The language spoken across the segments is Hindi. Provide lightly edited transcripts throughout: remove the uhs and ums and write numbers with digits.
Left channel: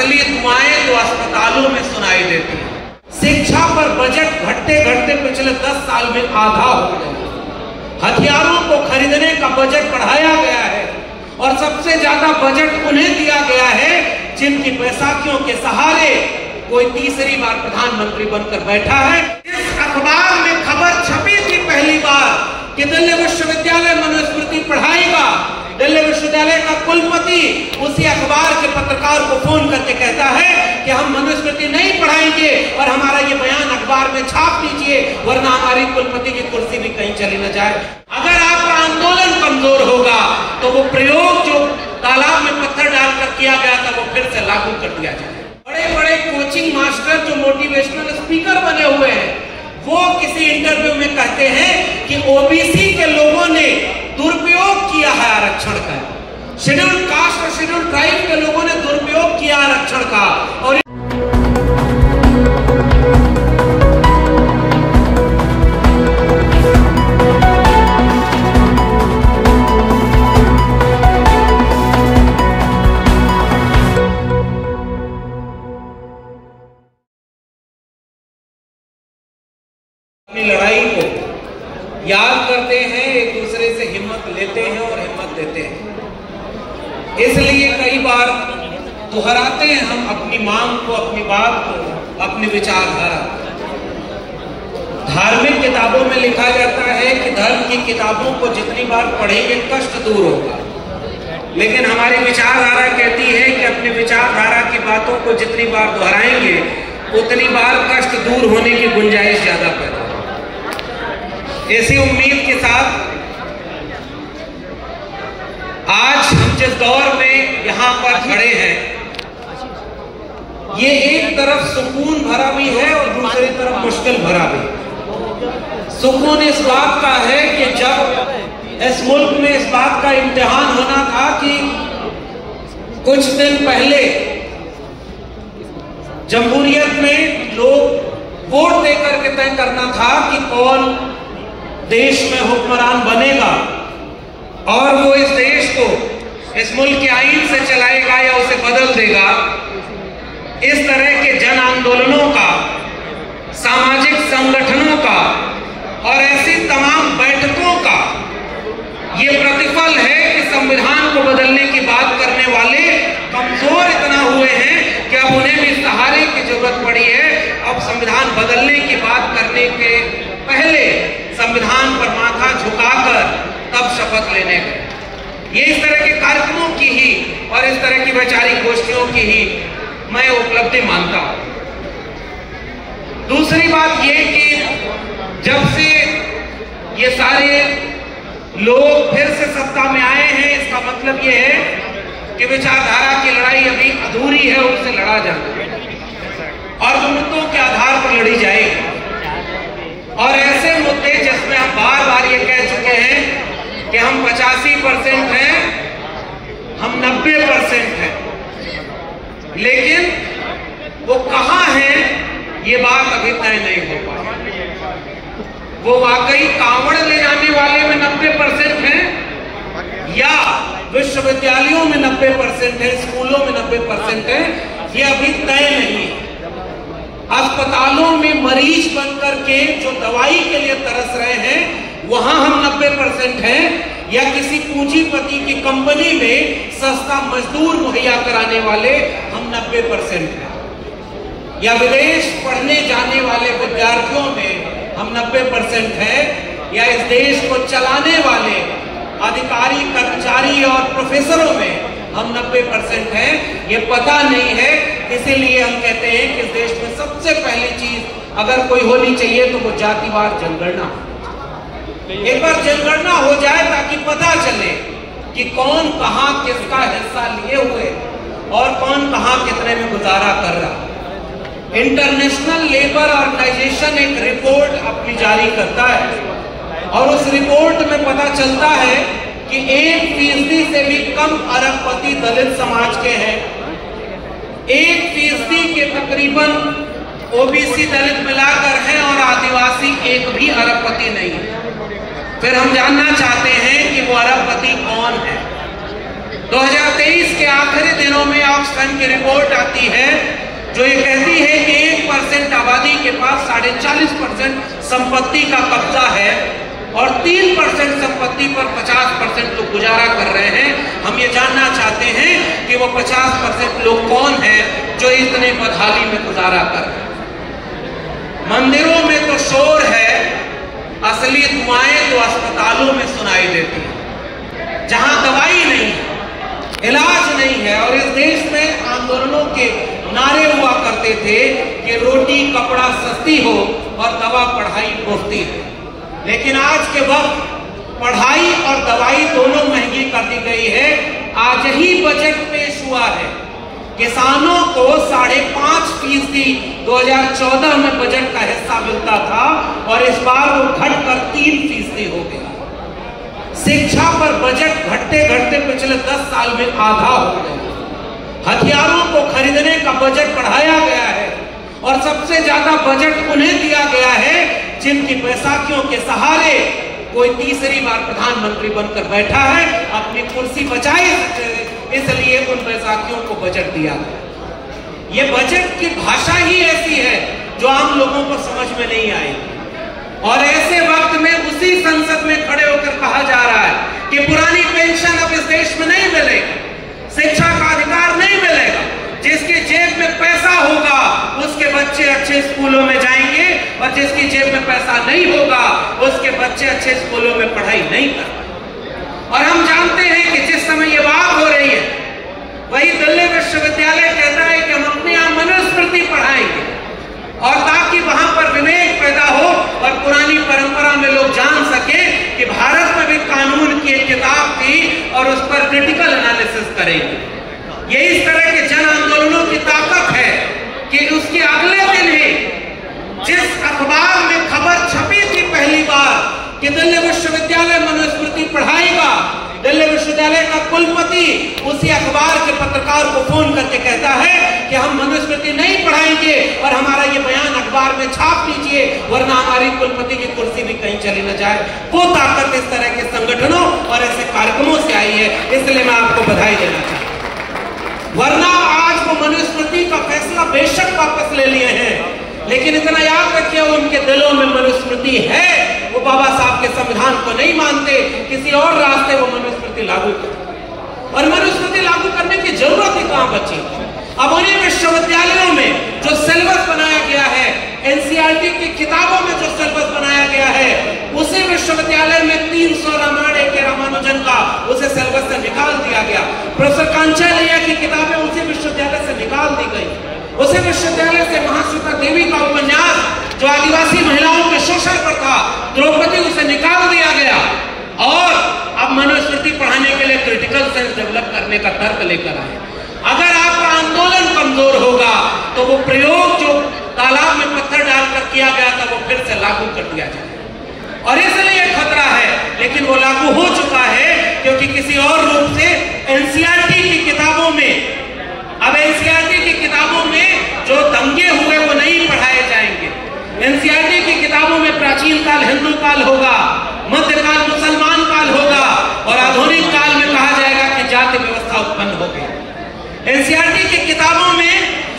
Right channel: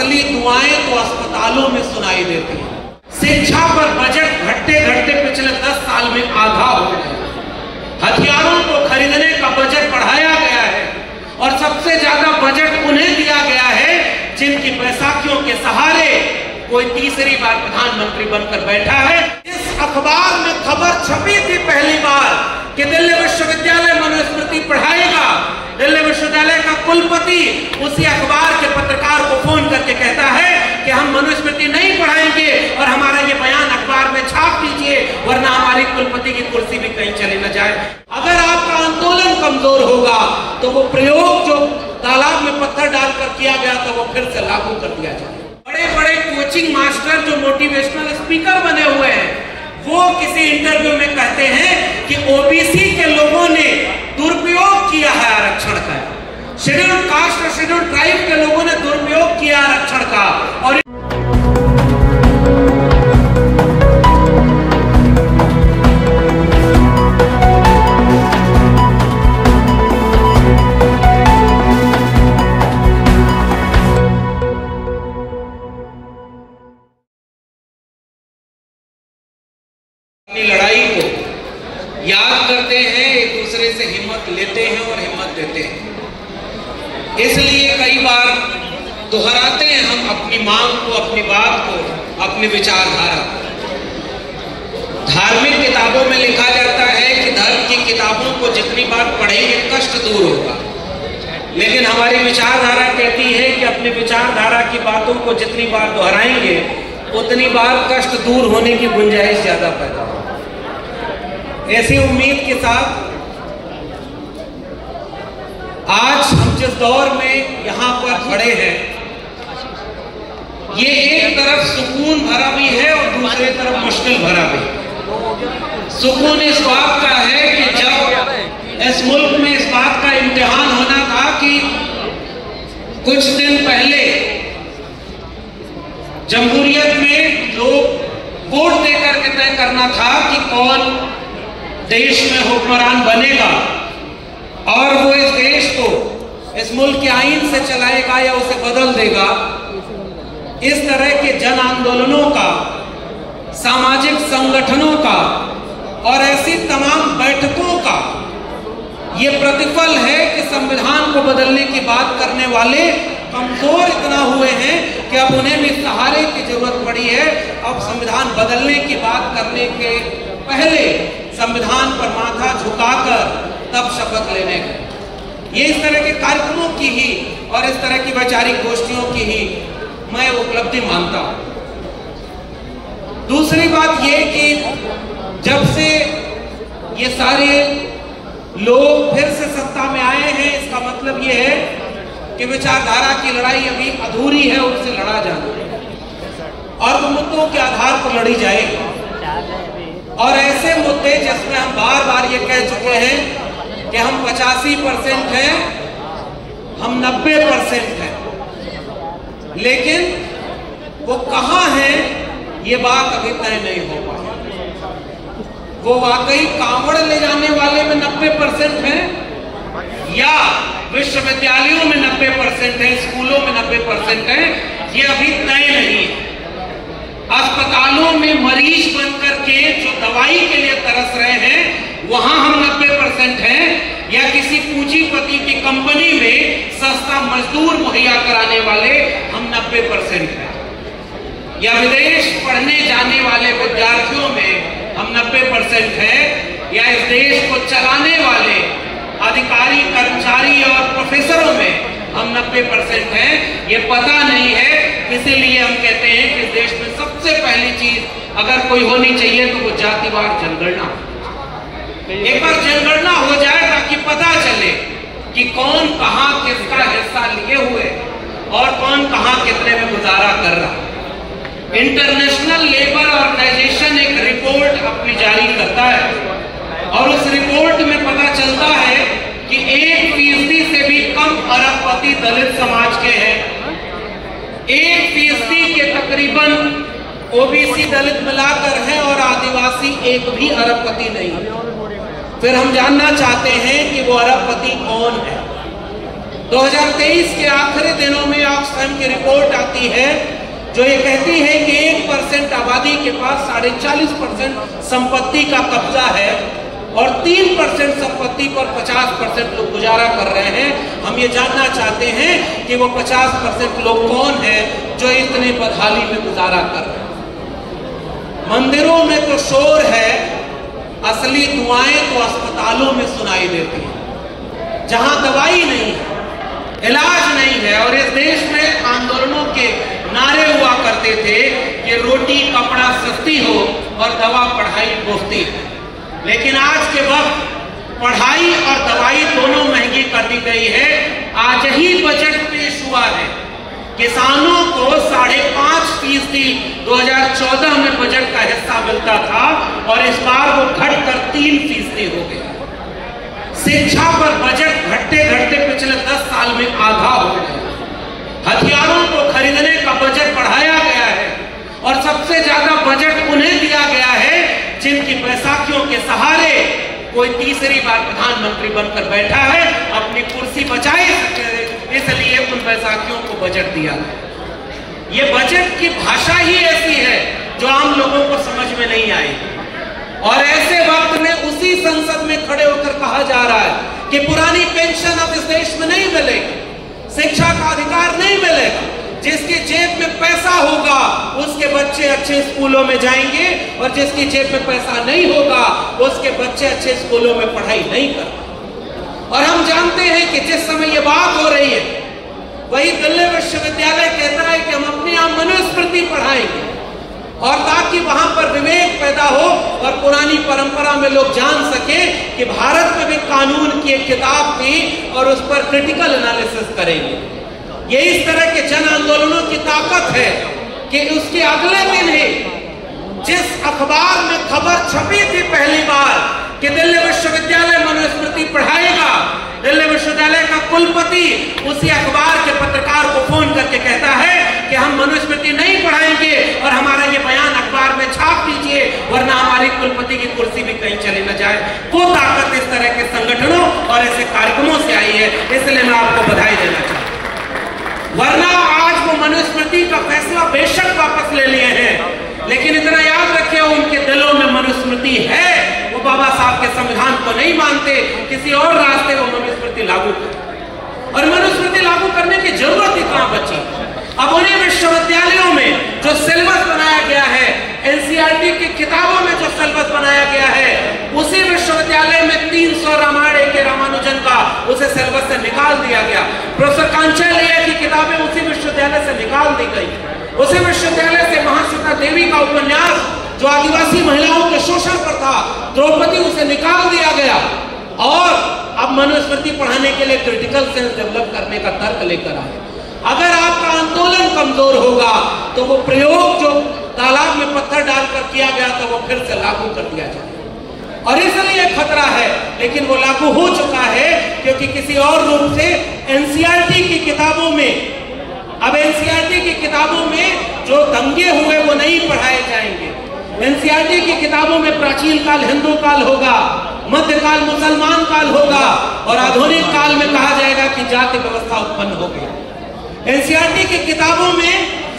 असली दुआएं तो अस्पतालों में सुनाई देती हैं। शिक्षा पर बजट घटते घटते पिछले 10 साल में आधा हो गया। हथियारों को खरीदने का बजट बढ़ाया गया है और सबसे ज्यादा बजट उन्हें दिया गया है जिनकी बैसाखियों के सहारे कोई तीसरी बार प्रधानमंत्री बनकर बैठा है। इस अखबार में खबर छपी थी पहली बार कि दिल्ली विश्वविद्यालय मनुस्मृति पढ़ाएगा। दिल्ली विश्वविद्यालय का कुलपति उसी अखबार के पत्रकार को फोन करके कहता है कि हम मनुस्मृति नहीं पढ़ाएंगे और हमारा ये बयान अखबार में छाप दीजिए, वरना हमारी कुलपति की कुर्सी भी कहीं चली न जाए। अगर आपका आंदोलन कमजोर होगा तो वो प्रयोग जो तालाब में पत्थर डालकर किया गया था वो फिर से लागू कर दिया जाए। बड़े बड़े कोचिंग मास्टर जो मोटिवेशनल स्पीकर बने हुए हैं वो किसी इंटरव्यू में कहते हैं कि ओबीसी के लोगों ने दुरुपयोग किया है आरक्षण का, शेड्यूल्ड कास्ट और शेड्यूल्ड ट्राइब के लोगों ने दुरुपयोग किया आरक्षण का। और लड़ाई को याद करते हैं, एक दूसरे से हिम्मत लेते हैं और हिम्मत देते हैं। इसलिए कई बार दोहराते हैं हम अपनी मांग को, अपनी बात को, अपनी विचारधारा। धार्मिक किताबों में लिखा जाता है कि धर्म की किताबों को जितनी बार पढ़ेंगे कष्ट दूर होगा, लेकिन हमारी विचारधारा कहती है कि अपनी विचारधारा की बातों को जितनी बार दोहराएंगे उतनी बार कष्ट दूर होने की गुंजाइश ज्यादा पैदा होगी। ऐसी उम्मीद के साथ आज हम जिस दौर में यहां पर खड़े हैं, ये एक तरफ सुकून भरा भी है और दूसरी तरफ मुश्किल भरा भी। सुकून इस बात का है कि जब इस मुल्क में इस बात का इम्तिहान होना था कि कुछ दिन पहले जमहूरियत में लोग वोट देकर के तय करना था कि कौन देश में हुक्मरान बनेगा और वो इस देश को इस मुल्क के आईन से चलाएगा या उसे बदल देगा। इस तरह के जन आंदोलनों का, सामाजिक संगठनों का और ऐसी तमाम बैठकों का ये प्रतिफल है कि संविधान को बदलने की बात करने वाले कमजोर इतना हुए हैं कि अब उन्हें भी सहारे की जरूरत पड़ी है। अब संविधान बदलने की बात करने के पहले संविधान पर माथा झुकाकर तब शपथ लेने गए। ये इस तरह के कार्यक्रमों की ही और इस तरह की वैचारिक गोष्ठियों की ही मैं उपलब्धि मानता हूं। दूसरी बात ये कि जब से ये सारे लोग फिर से सत्ता में आए हैं, इसका मतलब ये है कि विचारधारा की लड़ाई अभी अधूरी है, उससे लड़ा जाना और मुद्दों के आधार पर लड़ी जाएगी। और ऐसे मुद्दे जिसमें हम बार बार ये कह चुके हैं कि हम 85% हैं, हम 90% हैं, लेकिन वो कहां है ये बात अभी तय नहीं हो पाई। वो वाकई कांवड़ ले जाने वाले में 90% हैं या विश्वविद्यालयों में 90% है, स्कूलों में 90% है, ये अभी तय नहीं है। अस्पतालों में मरीज बनकर के जो दवाई के लिए तरस रहे हैं वहां हम 90% हैं या किसी पूंजीपति की कंपनी में सस्ता मजदूर मुहैया कराने वाले हम 90% हैं या विदेश पढ़ने जाने वाले विद्यार्थियों में हम 90% हैं या इस देश को चलाने वाले अधिकारी, कर्मचारी और प्रोफेसरों में हम 90% हैं। ये पता नहीं है, इसीलिए हम कहते हैं कि इस देश में सबसे पहली चीज अगर कोई होनी चाहिए तो वो जातिवार जनगणना। एक बार जनगणना हो जाए ताकि पता चले कि कौन कहां किसका हिस्सा लिए हुए और कौन कहां कितने में गुजारा कर रहा। इंटरनेशनल लेबर ऑर्गेनाइजेशन एक रिपोर्ट अपनी जारी करता है और उस रिपोर्ट में पता चलता है कि 1% से भी कम अरबपति दलित समाज के हैं। 1% के तकरीबन ओबीसी दलित मिलाकर है और आदिवासी एक भी अरबपति नहीं है। फिर हम जानना चाहते हैं कि वो अरबपति कौन है। 2023 2023 के आखिरी दिनों में ऑक्सफैम की रिपोर्ट आती है जो ये कहती है कि 1% आबादी के पास 40.5% संपत्ति का कब्जा है और 3% संपत्ति पर 50% लोग गुजारा कर रहे हैं। हम ये जानना चाहते हैं कि वो 50% लोग कौन है जो इतने बदहाली में गुजारा कर रहे हैं। मंदिरों में तो शोर है, असली दुआएं तो अस्पतालों में सुनाई देती है, जहां दवाई नहीं है, इलाज नहीं है। और इस देश में आंदोलनों के नारे हुआ करते थे कि रोटी कपड़ा सस्ती हो और दवा पढ़ाई मुफ्ती है। लेकिन आज के वक्त पढ़ाई और दवाई दोनों महंगी कर दी गई है। आज ही बजट पेश हुआ है, किसानों को 5.5% 2014 में बजट का हिस्सा मिलता था और इस बार वो घटकर 3% हो गया। शिक्षा पर बजट घटते घटते पिछले 10 साल में आधा हो गया। हथियारों को खरीदने का बजट बढ़ाया गया है और सबसे ज्यादा बजट उन्हें दिया गया है जिनकी बैसाखियों के सहारे कोई तीसरी बार प्रधानमंत्री बनकर बैठा है, अपनी कुर्सी बचाई, इसलिए उन बैसाखियों को बजट दिया गया। ये बजट की भाषा ही ऐसी है जो आम लोगों को समझ में नहीं आई। और ऐसे वक्त में उसी संसद में खड़े होकर कहा जा रहा है कि पुरानी पेंशन अब इस देश में नहीं मिलेगी, शिक्षा का अधिकार नहीं मिलेगा। जिसकी जेब में पैसा होगा उसके बच्चे अच्छे स्कूलों में जाएंगे और जिसकी जेब में पैसा नहीं होगा उसके बच्चे अच्छे स्कूलों में पढ़ाई नहीं कर। और हम जानते हैं कि जिस समय ये बात हो रही है वही दिल्ली विश्वविद्यालय कहता है कि हम अपने यहाँ मनुस्मृति पढ़ाएंगे और ताकि वहां पर विवेक पैदा हो और पुरानी परंपरा में लोग जान सके कि भारत में भी कानून की एक किताब थी और उस पर क्रिटिकल एनालिसिस करेंगे। ये इस तरह के जन आंदोलनों की ताकत है कि उसके अगले दिन ही जिस अखबार में खबर छपी थी पहली बार कि दिल्ली विश्वविद्यालय मनुस्मृति पढ़ाएगा, दिल्ली विश्वविद्यालय का कुलपति उसी अखबार के पत्रकार को फोन करके कहता है कि हम मनुस्मृति नहीं पढ़ाएंगे और हमारा ये बयान अखबार में छाप दीजिए वरना हमारी कुलपति की कुर्सी भी कहीं चली न जाए। वो ताकत इस तरह के संगठनों और ऐसे कार्यक्रमों से आई है, इसलिए मैं आपको बधाई देना चाहता हूं। वरना आज वो मनुस्मृति का फैसला बेशक वापस ले लिए हैं, लेकिन इतना याद रखिए उनके दिलों में मनुस्मृति है, वो बाबा साहब के संविधान को नहीं मानते, किसी और रास्ते वो मनुस्मृति लागू करते। और मनुस्मृति लागू करने की जरूरत ही कहां बची। अब उन्हीं विश्वविद्यालयों में जो सिलेबस बनाया गया है, एनसीईआरटी की किताबों में जो सिलेबस बनाया गया है, उसी विश्वविद्यालय में 300 रामायण के रामानुजन का उसे सिलेबस से निकाल दिया गया। प्रोफेसर कांचालिया की किताबें उसी विश्वविद्यालय से निकाल दी गई। उसी विश्वविद्यालय से महाश्वेता देवी का उपन्यास जो आदिवासी महिलाओं के शोषण पर था, द्रौपदी, उसे निकाल दिया गया। और अब मनुस्मृति पढ़ाने के लिए क्रिटिकल सेंस डेवलप करने का तर्क लेकर आए। अगर आपका आंदोलन कमजोर होगा तो वो प्रयोग जो तालाब में पत्थर डालकर किया गया था वो फिर से लागू कर दिया जाए और इसलिए खतरा है। लेकिन वो लागू हो चुका है क्योंकि किसी और रूप से एनसीईआरटी की किताबों में, अब एनसीईआरटी की किताबों में जो दंगे हुए वो नहीं पढ़ाए जाएंगे। एनसीईआरटी की किताबों में प्राचीन काल हिंदू काल होगा, मध्यकाल मुसलमान काल होगा और आधुनिक काल में कहा जाएगा कि जाति व्यवस्था उत्पन्न हो गई। एनसीईआरटी की किताबों में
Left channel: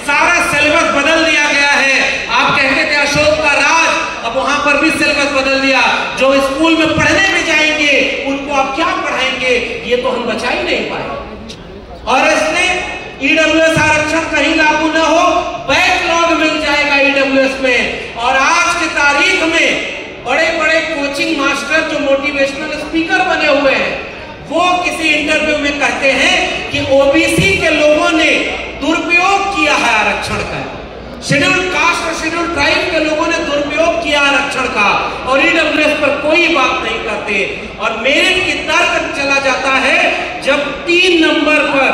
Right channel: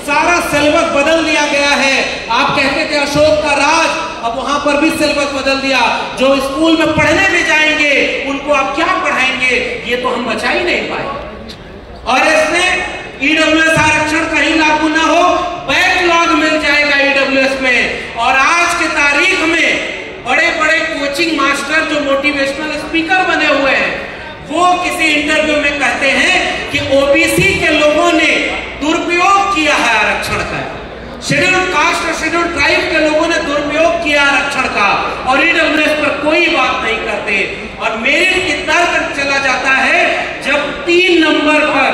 सारा सिलेबस बदल दिया गया है। आप कहते थे अशोक का राज, अब वहां पर भी सिलेबस बदल दिया। जो स्कूल में पढ़ने में जाएंगे उनको आप क्या पढ़ाएंगे, ये तो हम बचा ही नहीं पाए। और इसमें ईडब्ल्यूएस आरक्षण कहीं लागू ना हो, बैकलॉग मिल जाएगा ईडब्ल्यूएस में। और आज की तारीख में बड़े बड़े कोचिंग मास्टर जो मोटिवेशनल स्पीकर बने हुए हैं वो किसी इंटरव्यू में कहते हैं कि ओबीसी के लोगों ने दुरुपयोग किया है आरक्षण का, शेड्यूल्ड कास्ट और शेड्यूल्ड ट्राइब के लोगों ने दुरुपयोग किया आरक्षण का और ईडब्ल्यूएस पर कोई बात नहीं करते। और मेरिट की तर्क चला जाता है जब 3 नंबर पर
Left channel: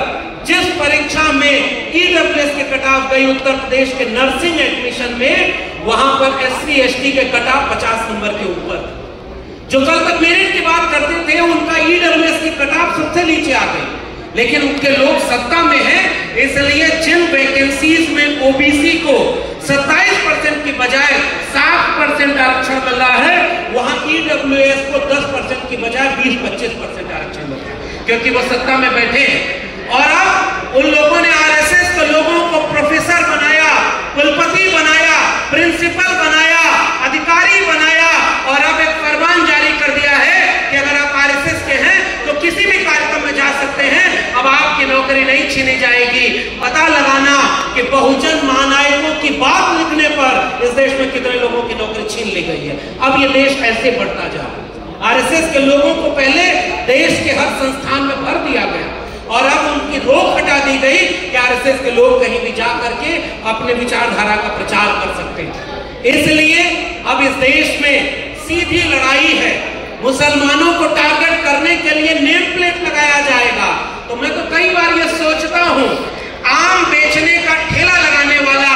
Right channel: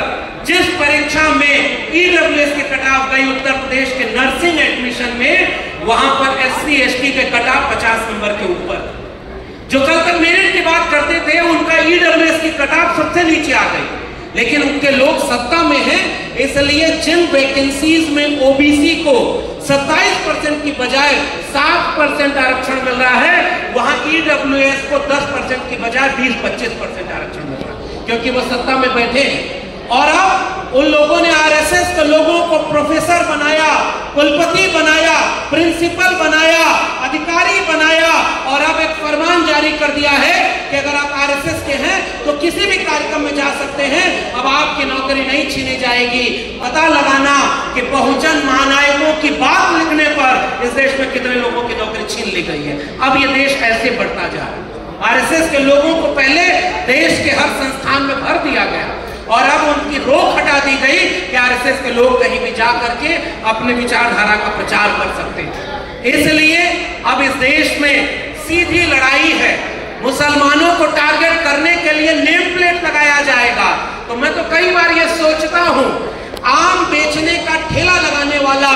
जिस परीक्षा में ईडब्ल्यूएस के कटाव गई उत्तर प्रदेश के नर्सिंग एडमिशन में, वहां पर एससी एसटी के कटाव 50 नंबर के ऊपर। जो कल तक मेरिट की बात करते थे उनका ईडब्ल्यूएस की कटाव सबसे नीचे आ गई, लेकिन उनके लोग सत्ता में हैं, इसलिए जिन वैकेंसीज में ओबीसी को 27% की बजाय 7% आरक्षण मिल रहा है, वहां ईडब्ल्यूएस को 10% की बजाय 20-25% आरक्षण मिल रहा है, क्योंकि वो सत्ता में बैठे हैं। और नौकरी नहीं छीनी जाएगी। पता लगाना कि बहुजन महानायकों की बात लिखने पर इस देश में कितने लोगों की नौकरी छीन ली गई है। अब ये देश ऐसे बढ़ता जा रहा है। आरएसएस के लोगों को पहले देश के हर संस्थान में भर दिया गया और अब उनकी रोक हटा दी गई कि आरएसएस के लोग कहीं भी जा करके अपने विचारधारा का प्रचार कर सकते हैं। इसलिए अब इस देश में सीधी लड़ाई है। मुसलमानों को टारगेट करने के लिए नेम प्लेट लगाया जाएगा। तो मैं तो कई बार ये सोचता हूं, आम बेचने का ठेला लगाने वाला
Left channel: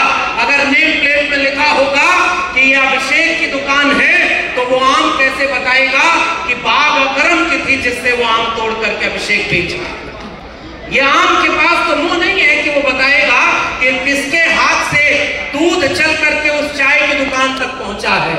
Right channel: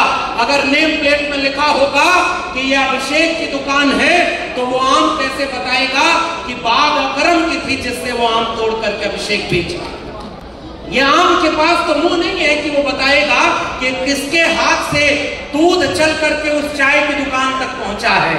अगर नेम प्लेट में लिखा होगा कि ये अभिषेक की दुकान है, तो वो आम कैसे बताएगा कि बाग अकरम की थी जिससे वो आम तोड़ करके अभिषेक बेच रहा। ये आम के पास तो मुंह नहीं है कि वो बताएगा कि किसके हाथ से दूध चल करके उस चाय की दुकान तक पहुंचा है।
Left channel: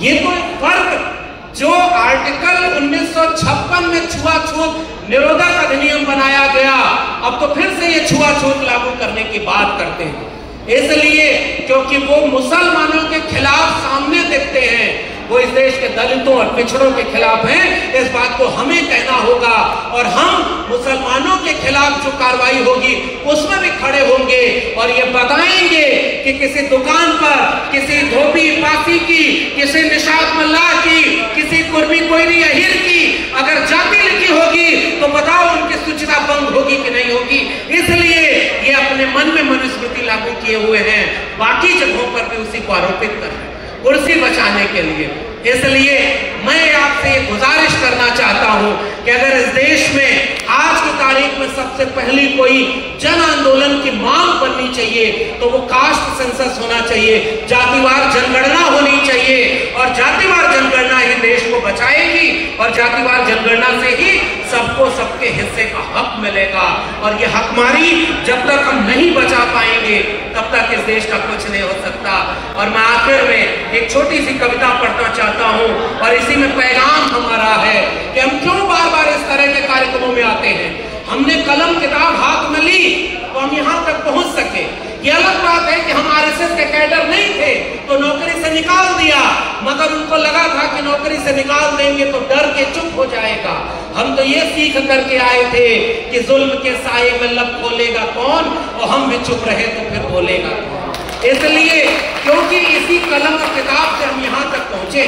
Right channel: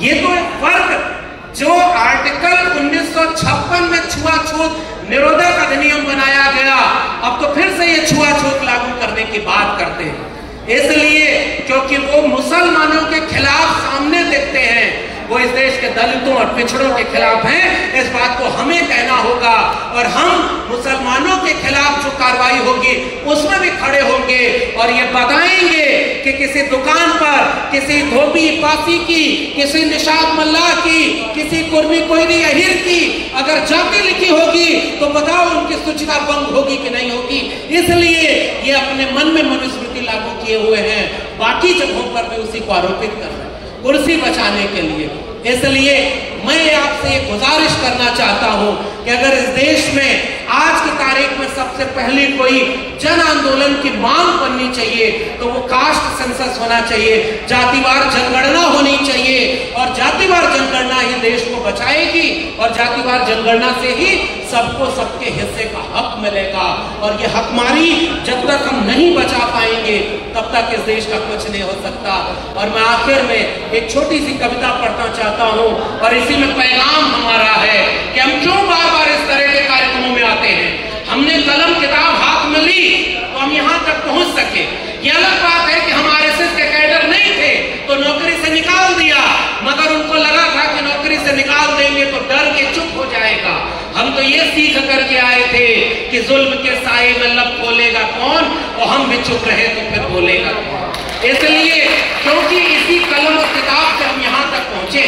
ये तो एक फर्क जो आर्टिकल 1956 में छुआछूत निरोधक अधिनियम बनाया गया, अब तो फिर से ये छुआछूत लागू करने की बात करते हैं। इसलिए क्योंकि वो मुसलमानों के खिलाफ सामने दिखते हैं, वो इस देश के दलितों और पिछड़ों के खिलाफ हैं। इस बात को हमें कहना होगा और हम मुसलमानों के खिलाफ जो कार्रवाई होगी उसमें भी खड़े होंगे और ये बताएंगे कि किसी दुकान पर किसी धोबी पासी की, किसी निशात मल्ला की, किसी कुर्मी कोयरी अहीर की अगर जाति लिखी होगी तो बताओ उनकी सुचिता भंग होगी कि नहीं होगी। इसलिए ये अपने मन में मनुस्मृति लागू किए हुए हैं, बाकी जगहों पर भी उसी को आरोपित कर रहे हैं कुर्सी बचाने के लिए। इसलिए मैं आपसे गुजारिश करना चाहता हूं कि अगर इस देश में आज की तारीख में सबसे पहली कोई जन आंदोलन की मांग बननी चाहिए तो वो कास्ट सेंसस होना चाहिए, जातिवार जनगणना होनी चाहिए और जातिवार जनगणना ही देश को बचाएगी और जातिवार जनगणना से ही सबको सबके हिस्से का हक मिलेगा। और ये हकमारी जब तक हम नहीं बचा पाएंगे तब तक इस देश का कुछ नहीं हो सकता। और मैं आखिर में एक छोटी सी कविता पढ़ना चाहता हूं और इसी में पैगाम हमारा है कि हम क्यों बार बार इस तरह के कार्यक्रमों में आते हैं। हमने कलम किताब हाथ में ली तो हम यहां तक पहुंच सके। ये अलग बात है कि हम आरएसएस के कैडर नहीं थे तो नौकरी से निकाल दिया, मगर उनको लगा था कि नौकरी से निकाल देंगे तो डर के चुप हो जाएगा। हम तो ये सीख करके आए थे कि जुल्म के साए में लब खोलेगा कौन, और हम भी चुप रहे तो फिर बोलेगा कौन। इसलिए क्योंकि इसी कलम और किताब से हम यहाँ तक पहुंचे।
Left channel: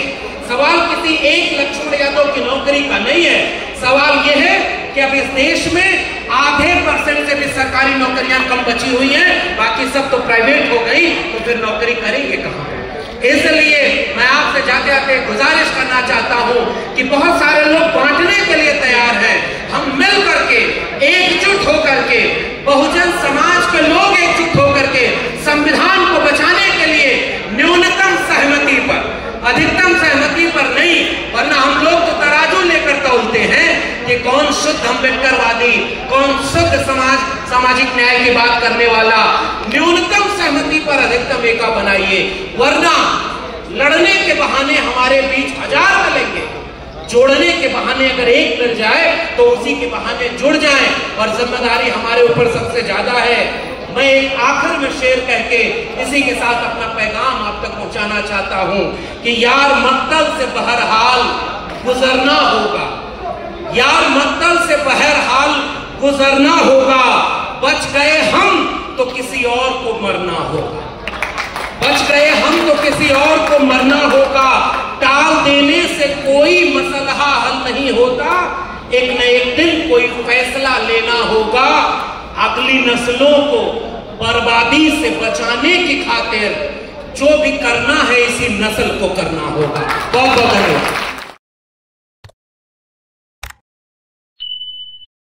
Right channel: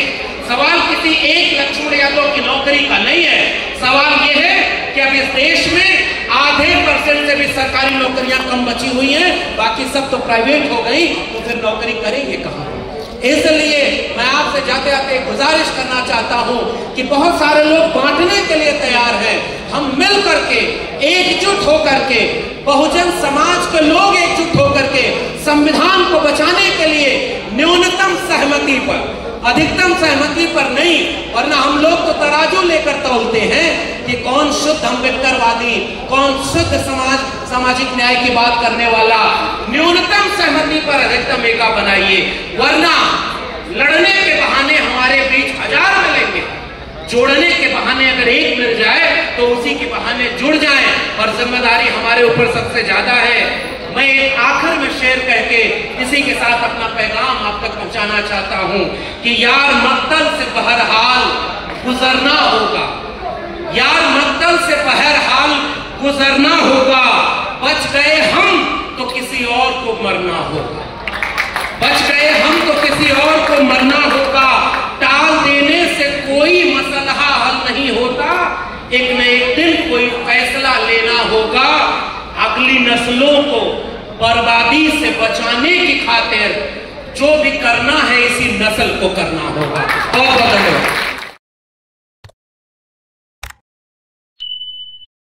सवाल किसी एक लक्ष्मण यादव की नौकरी का नहीं है, सवाल यह है कि अब इस देश में % से भी सरकारी नौकरियां कम बची हुई हैं, बाकी सब तो प्राइवेट हो गई, तो फिर नौकरी करेंगे कहां। इसलिए मैं आपसे जाते जाते गुजारिश करना चाहता हूं कि बहुत सारे लोग बांटने के लिए तैयार हैं। हम मिल करके एकजुट होकर के, बहुजन समाज के लोग एकजुट होकर के संविधान को बचाने के लिए न्यूनतम सहमति पर, अधिकतम सहमति पर नहीं, वरना हम लोग तो तराजू लेकर तौलते हैं कि कौन शुद्ध अम्बेडकरवादी, कौन शुद्ध सामाजिक न्याय की बात करने वाला। न्यूनतम सहमति पर अधिकतम एका बनाइए, वरना लड़ने के बहाने हमारे बीच 1000 मिलेंगे, जोड़ने के बहाने अगर एक मिल जाए तो उसी के बहाने जुड़ जाए और जिम्मेदारी हमारे ऊपर सबसे ज्यादा है। मैं एक आखिर में शेर कह के इसी के साथ अपना पैगाम आप तक पहुंचाना चाहता हूं कि यार मक्तल से बहरहाल गुजरना होगा, यार मक्तल से बहरहाल गुजरना होगा, बच गए हम तो किसी और को मरना होगा, बच गए हम तो किसी और को मरना होगा। टाल देने से कोई मसला हल नहीं होता, एक न एक दिन कोई फैसला लेना होगा। अगली नस्लों को बर्बादी से बचाने की खातिर जो भी करना है इसी नस्ल को करना होगा। बहुत बहुत धन्यवाद।